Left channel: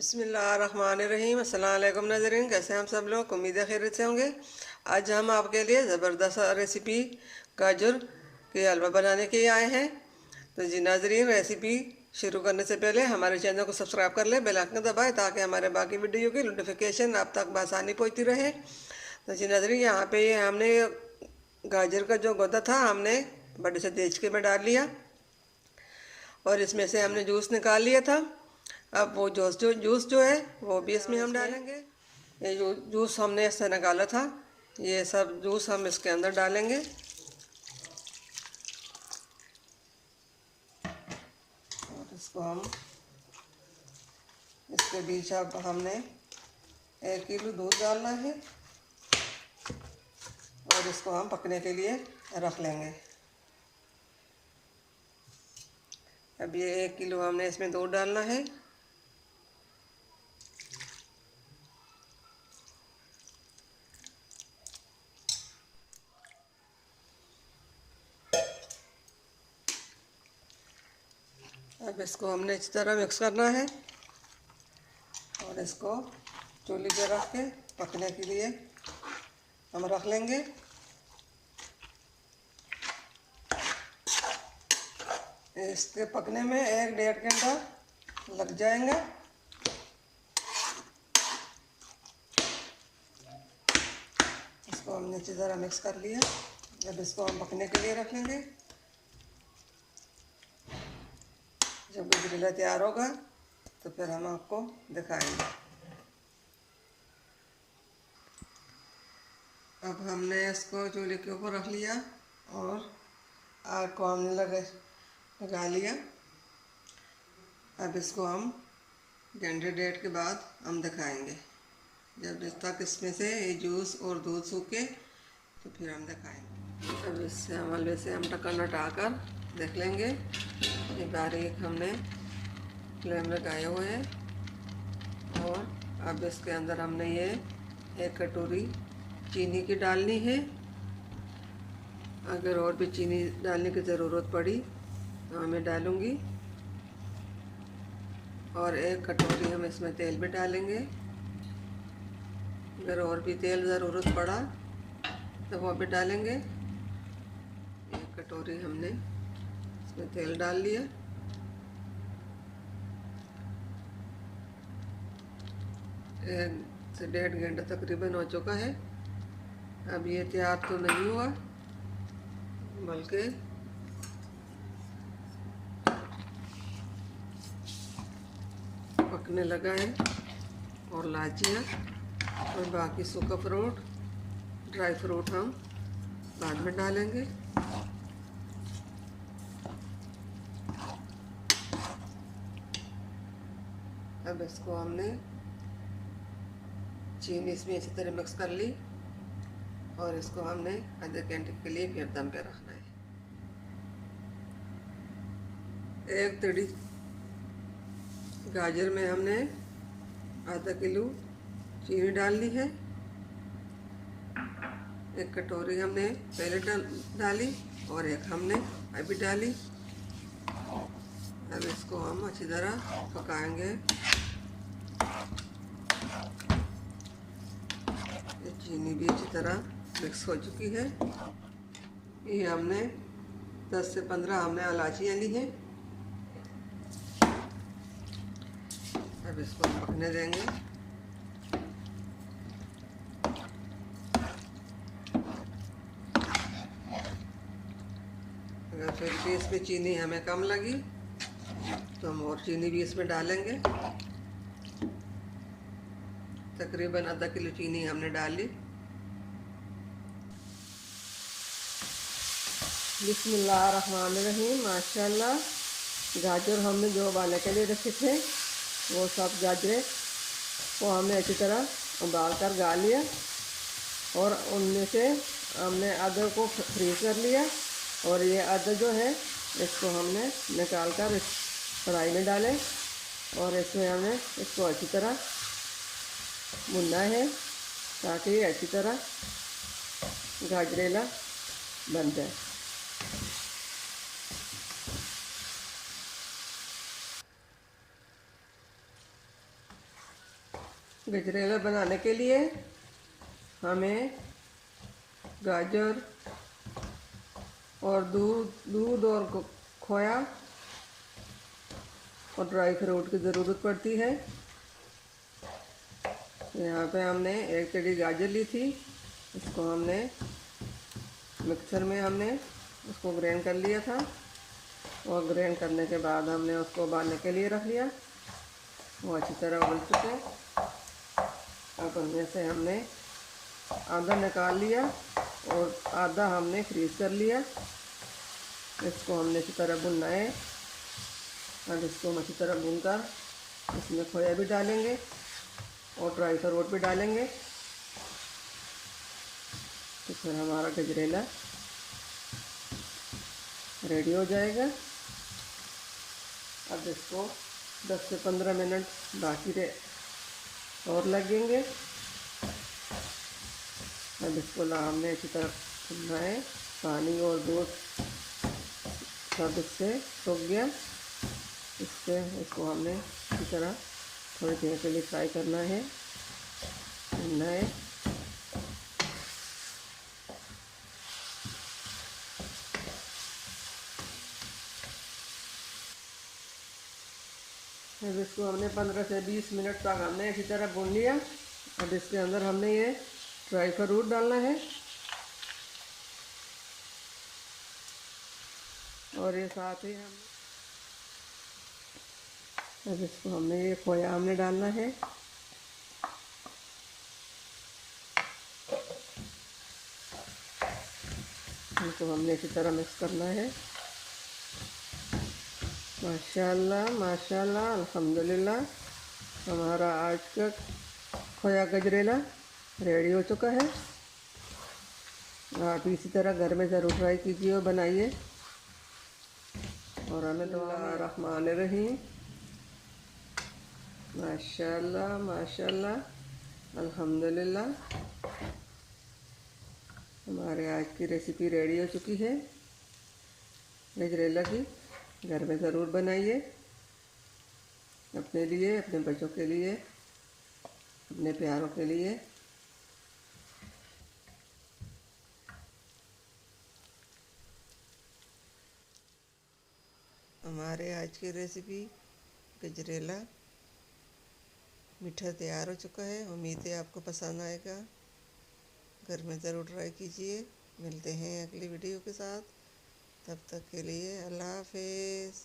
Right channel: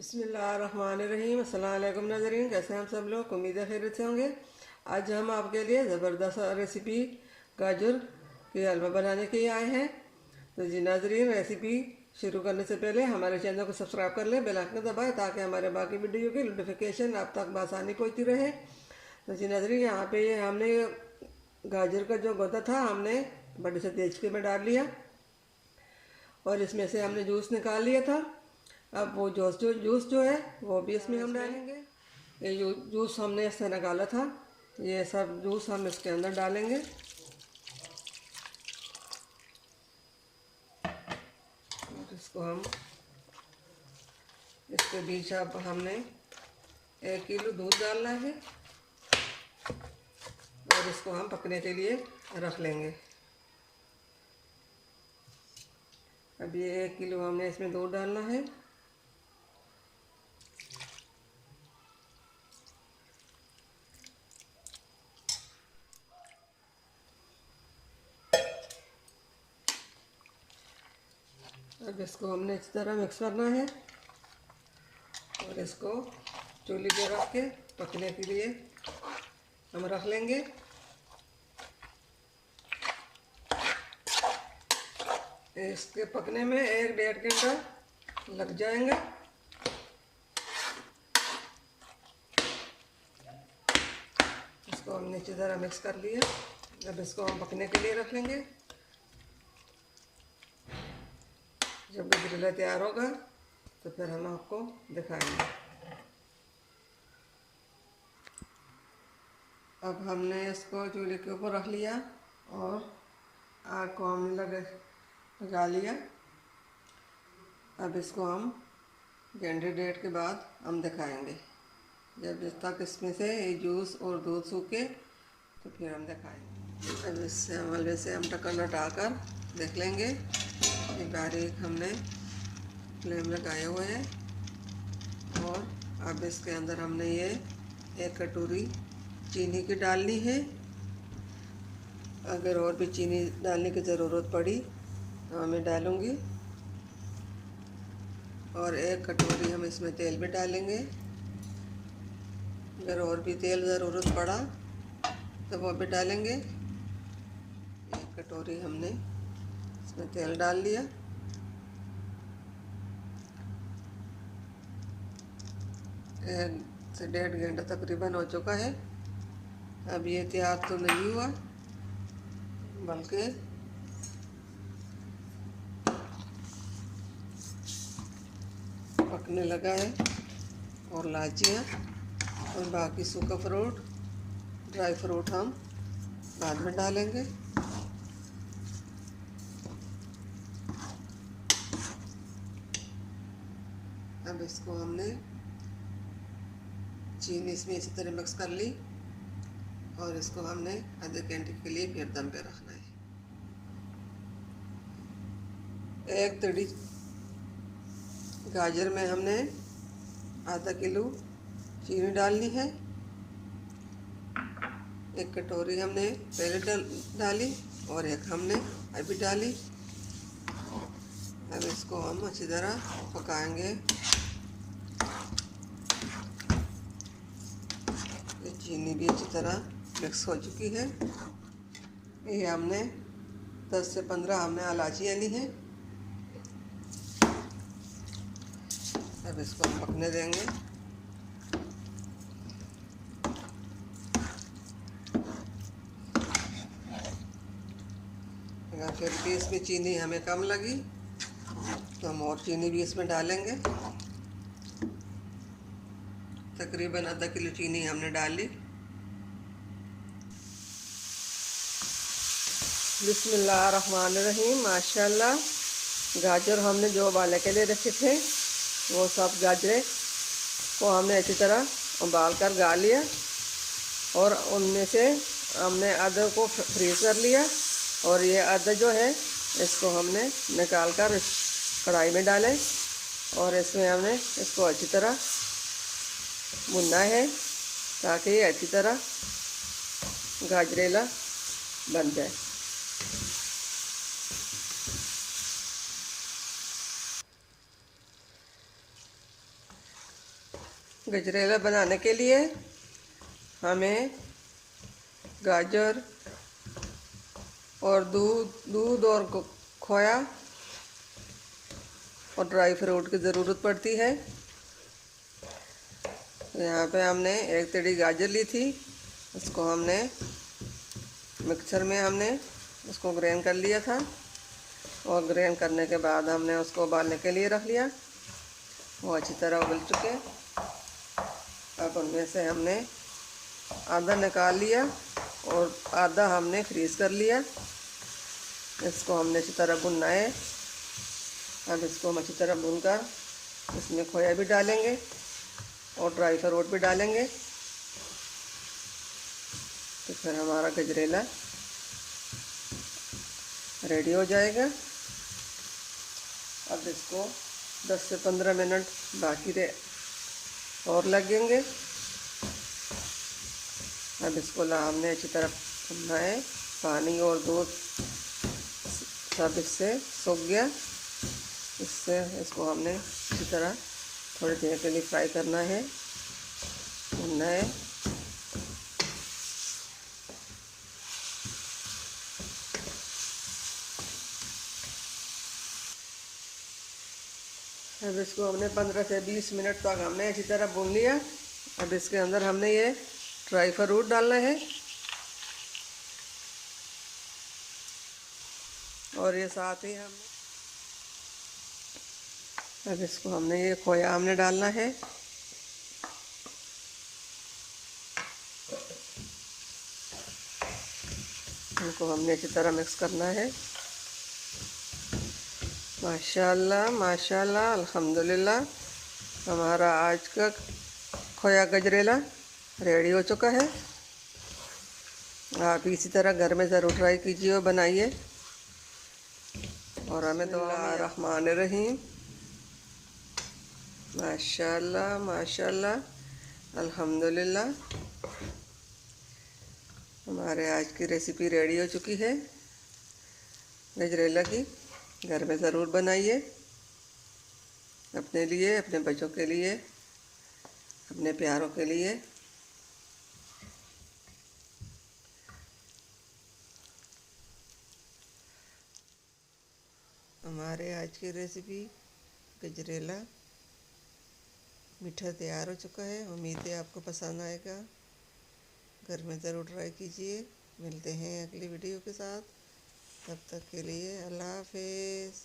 बिस्मिल्लाहिर्रहमानिर्रहीम। अस्सलाम वालेकुम नाज़रीन, कैसे हैं हम सब लोग? उम्मीद है खैरियत से होंगे। आज हम आपके लिए ज़बरदस्त रेसिपी गाजर के हलवा बनाने के लिए आए हैं। तो जी नाज़रीन, रेसिपी शुरू करने से पहले हमारे चैनल को सब्सक्राइब कर लें, बेल आइकन दबाएं ताकि हमारे बाकी वीडियो की नोटिफिकेशन आप तक बआसानी पहुँचती रहे। तो जी नाज़रीन, यहाँ पे हमने गाजर का जो गौदा था हमने बड़े से देचके में डाल लिया और इसमें से हमने जूस निकाल लिया था। अब वो जूस जो है वो भी इसमें हम डालेंगे। ये जो जूस हमने इससे निकाला था, ये सब जूस हम इसके अंदर डालेंगे। और इसको हम इसके बीच अब हमने 1 किलो दूध डालना है और इसको हम पकने के लिए रख लेंगे। अब ये 1 किलो हमने इसमें दूध डालना है। अब इसको हमने इस तरह मिक्स करना है और इसको चूल्हे पे रख के पकने के लिए हम रख लेंगे। इसके पकने में 1-1.5 घंटा लग जाएगा। इसको हमने अच्छी तरह मिक्स कर लिया। अब इसको हम पकने के लिए रख लेंगे। जब गजरेला तैयार होगा तो फिर हम आपको दिखाएंगे। अब हमने इसको चूल्हे के ऊपर रख लिया और आग को हमने लगा लिया। अब इसको हम घंटे 1.5 के बाद हम दिखाएंगे। जब तक इसमें से ये जूस और दूध सूखे तो फिर हम दिखाएंगे। अब इससे हलवे से हम ढक्कन हटाकर देख लेंगे। ये बारीक हमने फ्लेम लगाए हुए हैं और अब इसके अंदर हमने ये 1 कटोरी चीनी की डालनी है। अगर और भी चीनी डालने की ज़रूरत पड़ी तो मैं डालूँगी। और 1 कटोरी हम इसमें तेल भी डालेंगे। अगर और भी तेल ज़रूरत पड़ा तो वो भी डालेंगे। 1 कटोरी हमने इसमें तेल डाल लिया। एक से 1.5 घंटा तकरीबन हो चुका है। अब ये तैयार तो नहीं हुआ बल्कि पकने लगा है। और लाचियाँ और बाकी सूखा फ्रूट, ड्राई फ्रूट हम बाद में डालेंगे। अब इसको हमने चीनी इसमें इसी तरह मिक्स कर ली और इसको हमने आधे घंटे के लिए फिर दम पे रखना है। 1 तड़ी गाजर में हमने आधा किलो चीनी डालनी है। 1 कटोरी हमने पहले डाली और 1 हमने अभी डाली। अब इसको हम अच्छी तरह पकाएंगे। ये चीनी भी अच्छी तरह मिक्स हो चुकी है। ये हमने 10 से 15 हमने इलायचियाँ ली हैं। अब इसको हम पकने देंगे। अगर फिर भी इसमें चीनी हमें कम लगी तो हम और चीनी भी इसमें डालेंगे। तकरीबन आधा किलो चीनी हमने डाली। बिस्मिल्लाहिर्रहमानिर्रहीम। माशाल्लाह, गाजर हमने जो उबालने के लिए रखे थे वो सब गाजरें को हमने अच्छी तरह उबाल कर गा लिया और उनमें से हमने आधा को फ्रीज कर लिया और ये आधा जो है इसको हमने निकाल कर कढ़ाई में डालें और इसमें हमने इसको अच्छी तरह भुनना है ताकि ये अच्छी तरह गाजरेला बन जाए। गजरेला बनाने के लिए हमें गाजर और दूध और खोया और ड्राई फ्रूट की ज़रूरत पड़ती है। यहाँ पे हमने एक टेढ़ी गाजर ली थी, इसको हमने मिक्सर में उसको ग्राइंड कर लिया था और ग्राइंड करने के बाद हमने उसको उबालने के लिए रख लिया। वो अच्छी तरह उबल चुके। अब उनमें से हमने आधा निकाल लिया और आधा हमने फ्रीज़ कर लिया। इसको हमने अच्छी तरह भुनना है। अब इसको हम अच्छी तरह भूनकर इसमें खोया भी डालेंगे और ड्राई फ्रूट भी डालेंगे, तो फिर हमारा गजरेला रेडी हो जाएगा। अब इसको 10 से 15 मिनट बाकी और लगेंगे। अब इसको हमने अच्छी तरह भुनना है। पानी और दूध सब इससे सूख गया। इसको हमने अच्छी तरह थोड़ी देर के लिए फ्राई करना है, भुनना है। अब इसको हमने 15 से 20 मिनट तक हमने अच्छी तरह भून लिया। अब इसके अंदर हमने ये ड्राई फ्रूट डालना है और ये साथ ही अब इसको हमने ये खोया हमने डालना है। इनको हमने अच्छी तरह मिक्स करना है। माशाल्लाह माशाल्लाह अल्हम्दुलिल्लाह, हमारा आज का खोया गजरेला रेडी हो चुका है। आप इसी तरह घर में ज़रूर ट्राई कीजिए और बनाइए। और हमें तो रहमान रहीम। माशाल्लाह माशाल्लाह अल्हम्दुलिल्लाह, हमारे आज की रेसिपी रेडी हो चुकी है गजरेला की। घर में ज़रूर बनाइए, अपने लिए, अपने बच्चों के लिए, अपने प्यारों के लिए। हमारे आज की रेसिपी गजरेला मीठा तैयार हो चुका है। उम्मीद है आपको पसंद आएगा। घर में ज़रूर ट्राई कीजिए। मिलते हैं अगली वीडियो के साथ, तब तक के लिए अल्लाह हाफिज़।